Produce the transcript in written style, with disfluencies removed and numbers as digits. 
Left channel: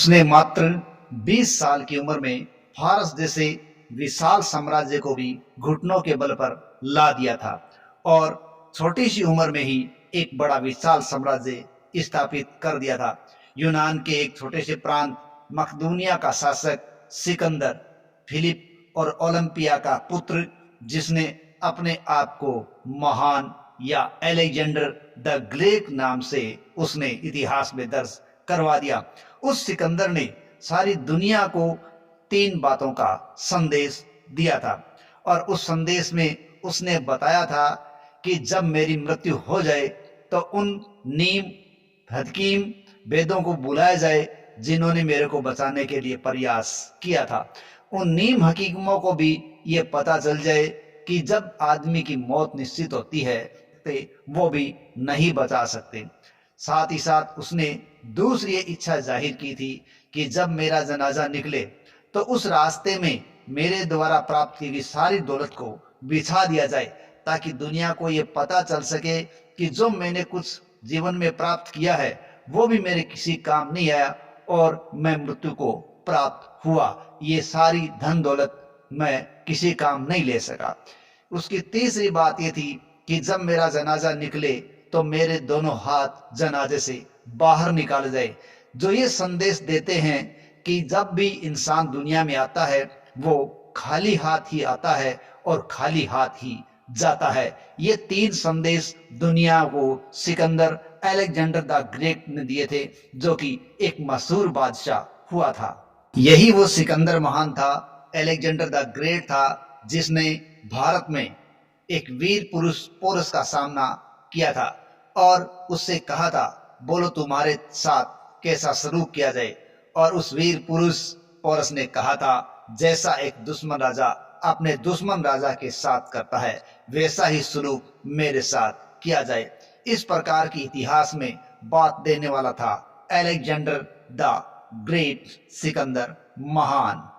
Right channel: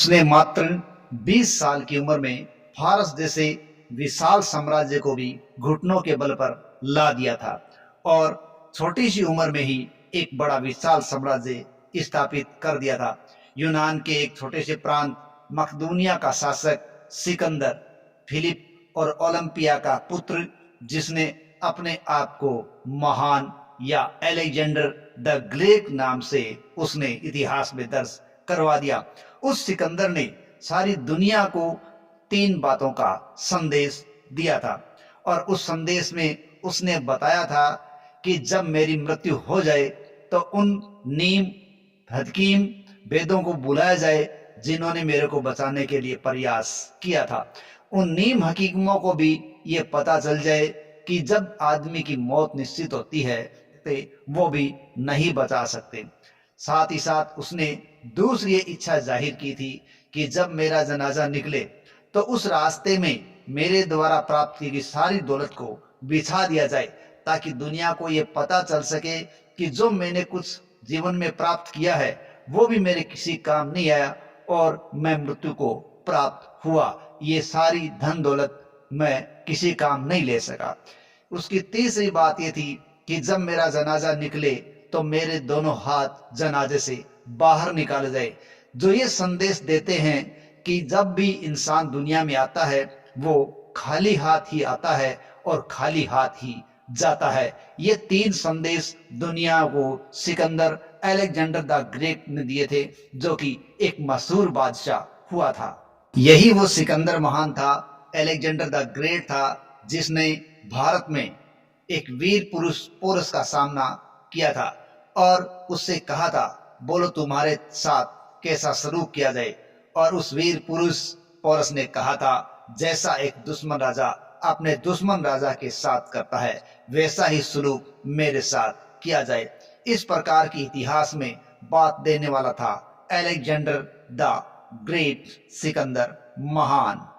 उसने मात्र 20 साल की उम्र में फारस जैसे विशाल साम्राज्य को भी घुटनों के बल पर ला दिया था और छोटी सी उम्र में ही एक बड़ा विशाल साम्राज्य स्थापित कर दिया था। यूनान के एक छोटे से प्रांत मकदूनिया का शासक सिकंदर, फिलिप और ओलंपिया का पुत्र, जिसने अपने आप को महान या अलेक्जेंडर द ग्रेट नाम से उसने इतिहास में दर्ज करवा दिया। उस सिकंदर ने सारी दुनिया को 3 बातों का संदेश दिया था और उस संदेश में उसने बताया था कि जब मेरी मृत्यु हो जाए तो उन नीम हकीम वेदों को बुलाया जाए जिन्होंने मेरे को बचाने के लिए प्रयास किया था। उन नीम हकीमों को भी ये पता चल जाए कि जब आदमी की मौत निश्चित होती है तो वो भी नहीं बचा सकते। साथ ही साथ उसने दूसरी इच्छा जाहिर की थी कि जब मेरा जनाजा निकले तो उस रास्ते में मेरे द्वारा प्राप्त की गई सारी दौलत को बिछा दिया जाए, ताकि दुनिया को ये पता चल सके कि जो मैंने कुछ जीवन में प्राप्त किया है वो भी मेरे किसी काम नहीं आया और मैं मृत्यु को प्राप्त हुआ, ये सारी धन दौलत मैं किसी काम नहीं ले सका। उसकी तीसरी बात ये थी कि जब मेरा जनाजा निकले तो मेरे दोनों हाथ जनाजे से बाहर निकाले जाए, जो ये संदेश देते हैं कि जब भी इंसान दुनिया में आता है वो खाली हाथ ही आता है और खाली हाथ ही जाता है। ये 3 संदेश दुनिया को सिकंदर अलेक्जेंडर द ग्रेट ने दिए थे, जो कि एक मशहूर बादशाह हुआ था। यही वो सिकंदर महान था, अलेक्जेंडर द ग्रेट था, जिसने भारत में एक वीर पुरुष पोरस का सामना किया था और उससे कहा था बोलो तुम्हारे साथ कैसा सलूक किया जाए। और उस वीर पुरुष पोरस ने कहा था जैसा एक दुश्मन राजा अपने दुश्मन राजा के साथ करता है वैसा ही सलूक मेरे साथ किया जाए। इस प्रकार की इतिहास में बात देने वाला था अलेक्जेंडर द ग्रेट, सिकंदर महान।